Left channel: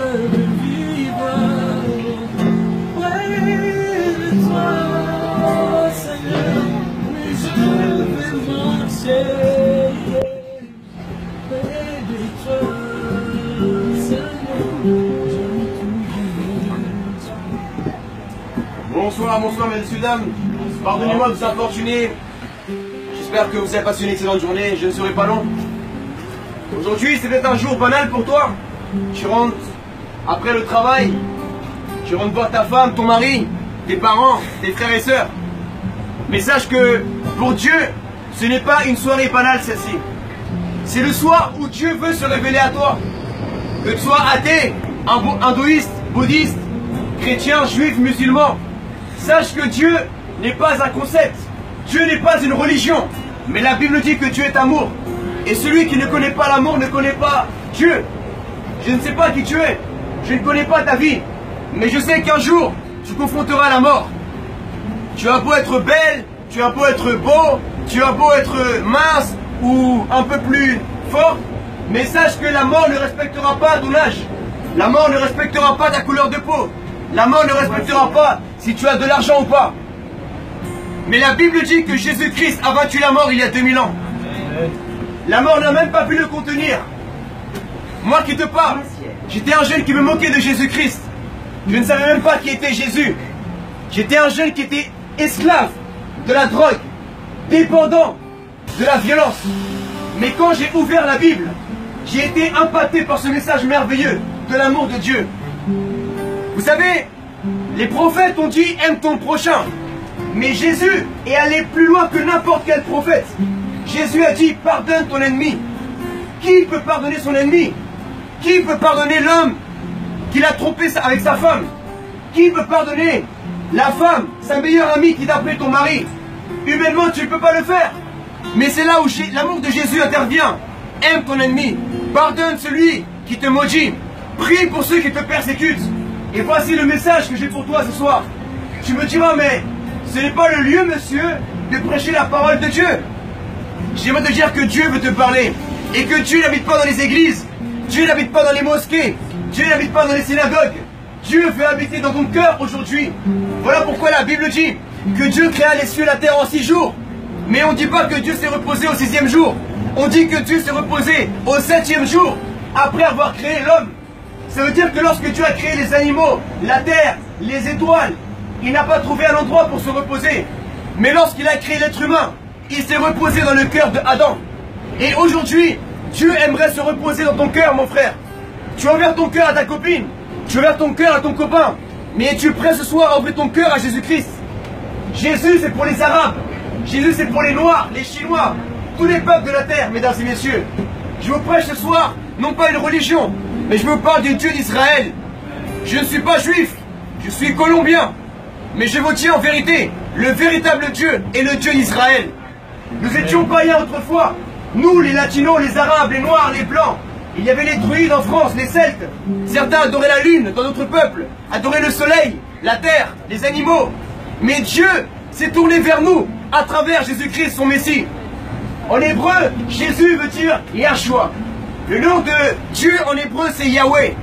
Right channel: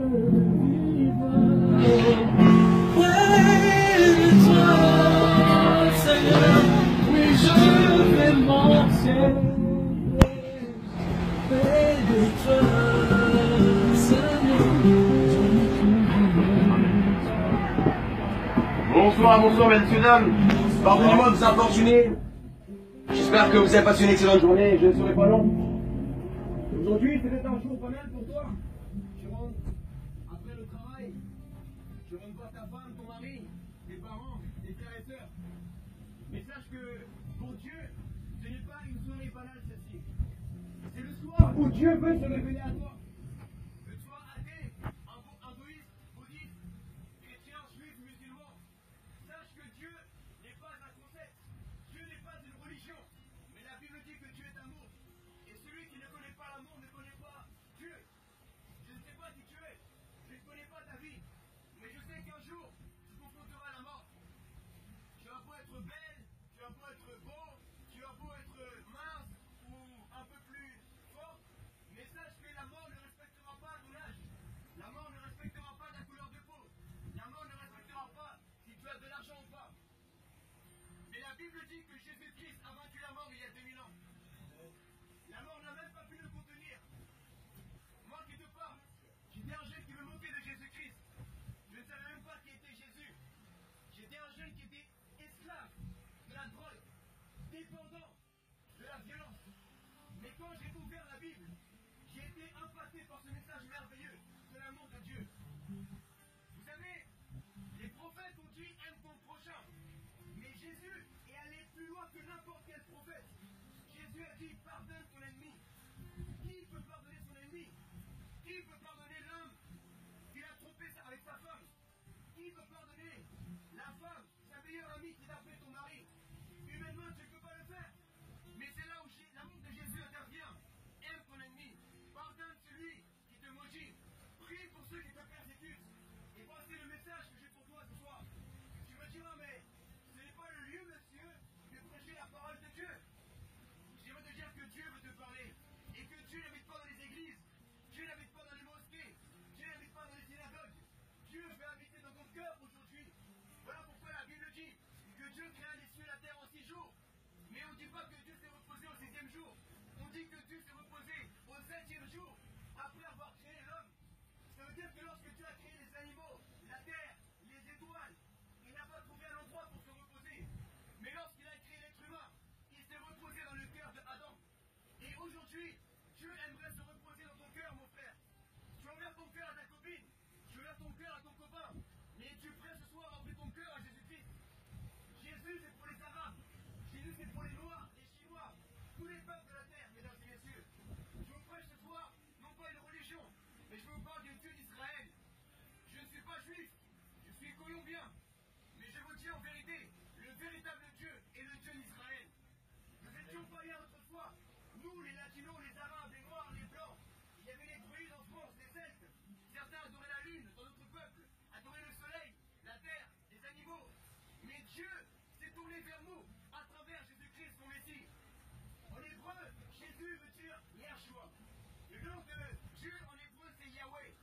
je veux vivre près de toi, Seigneur. Oui, je vais marcher près de toi, Seigneur. Bonsoir, bonsoir, messieurs, dames. Pardonnez-moi de vous importuner. J'espère que vous avez passé une excellente journée. Je ne serai pas long. Aujourd'hui, c'est peut-être un jour banal pour toi. Tu rentres après le travail. Tu rentres voir ta femme, ton mari, tes parents, tes frères et sœurs. Mais sache que pour Dieu, ce n'est pas une soirée banale celle-ci. C'est le soir où Dieu veut se révéler à toi. Que tu sois athée, hindouiste, bouddhiste, chrétien, juif, musulman. Sache que Dieu n'est pas un concept. Dieu n'est pas une religion. Mais la Bible dit que Dieu est amour. Et celui qui ne connaît pas l'amour ne connaît pas Dieu. Je ne sais pas qui tu es. Je ne connais pas ta vie. Mais je sais qu'un jour, tu confronteras la mort. Tu as beau être belle, tu as beau être beau, tu as beau être mince ou un peu plus fort. Mais sache que la mort ne respectera pas ton âge. La mort ne respectera pas ta couleur de peau. La mort ne respectera pas si tu as de l'argent ou pas. Mais la Bible dit que Jésus-Christ a vaincu la mort il y a 2000 ans. La mort n'a même pas pu le contenir. Moi qui te parle, j'étais un jeune qui me moquait de Jésus-Christ. Je ne savais même pas qui était Jésus. J'étais un jeune qui était esclave de la drogue, dépendant de la violence. Mais quand j'ai ouvert la Bible, j'ai été impacté par ce message merveilleux de l'amour de Dieu. Vous savez, les prophètes ont dit « aime ton prochain ». Mais Jésus est allé plus loin que n'importe quel prophète. Jésus a dit « pardonne ton ennemi ». Qui peut pardonner son ennemi? Qui peut pardonner l'homme qui l'a trompé avec sa femme? Qui peut pardonner la femme, sa meilleure amie qui t'a appelé ton mari? Humainement, tu ne peux pas le faire. Mais c'est là où l'amour de Jésus intervient. Aime ton ennemi. Pardonne celui qui te maudit. Prie pour ceux qui te persécutent. Et voici le message que j'ai pour toi ce soir. Tu me diras, mais ce n'est pas le lieu, monsieur, de prêcher la parole de Dieu. J'aimerais te dire que Dieu veut te parler. Et que Dieu n'habite pas dans les églises. Dieu n'habite pas dans les mosquées. Dieu n'habite pas dans les synagogues. Dieu veut habiter dans ton cœur aujourd'hui. Voilà pourquoi la Bible dit que Dieu créa les cieux et la terre en 6 jours. Mais on ne dit pas que Dieu s'est reposé au 6e jour. On dit que Dieu s'est reposé au 7e jour, après avoir créé l'homme. Ça veut dire que lorsque Dieu a créé les animaux, la terre, les étoiles, il n'a pas trouvé un endroit pour se reposer. Mais lorsqu'il a créé l'être humain, il s'est reposé dans le cœur d'Adam. Et aujourd'hui, Dieu aimerait se reposer dans ton cœur, mon frère. Tu as ouvert ton cœur à ta copine, tu as ouvert ton cœur à ton copain, mais es-tu prêt ce soir à ouvrir ton cœur à Jésus-Christ? Jésus, c'est pour les Arabes. Jésus, c'est pour les Noirs, les Chinois, tous les peuples de la terre, mesdames et messieurs. Je vous prêche ce soir, non pas une religion, mais je vous parle du Dieu d'Israël. Je ne suis pas juif, je suis colombien. Mais je vous dis en vérité, le véritable Dieu est le Dieu d'Israël. Nous étions païens autrefois. Nous, les Latinos, les Arabes, les Noirs, les Blancs. Il y avait les druides en France, les Celtes. Certains adoraient la lune dans notre peuple, adoraient le soleil, la terre, les animaux. Mais Dieu s'est tourné vers nous à travers Jésus-Christ, son Messie. En hébreu, Jésus veut dire Yahshua. Le nom de Dieu en hébreu, c'est Yahweh.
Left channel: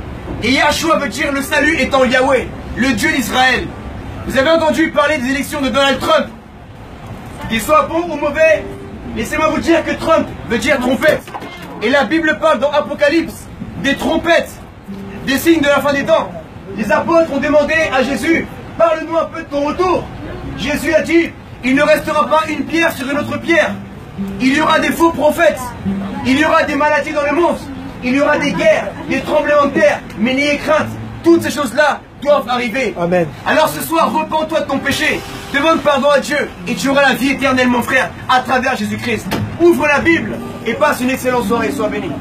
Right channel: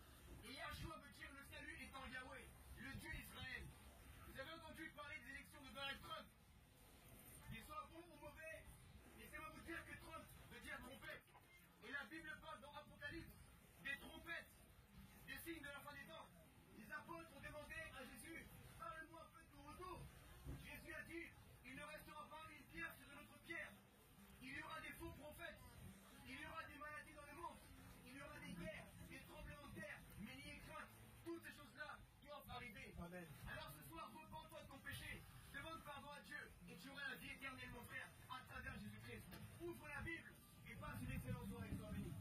Et Yahshua veut dire le salut étant Yahweh, le Dieu d'Israël. Vous avez entendu parler des élections de Donald Trump. Qu'il soit bon ou mauvais, laissez-moi vous dire que Trump veut dire trompette. Et la Bible parle dans Apocalypse des trompettes, des signes de la fin des temps. Les apôtres ont demandé à Jésus, parle-nous un peu de ton retour. Jésus a dit, il ne restera pas une pierre sur une autre pierre. Il y aura des faux prophètes. Il y aura des maladies dans le monde. Il y aura des guerres, des tremblements de terre. Mais n'ayez crainte, toutes ces choses-là doivent arriver. Amen. Alors ce soir, repens-toi de ton péché. Demande pardon à Dieu et tu auras la vie éternelle, mon frère, à travers Jésus-Christ. Ouvre la Bible et passe une excellente soirée. Sois béni.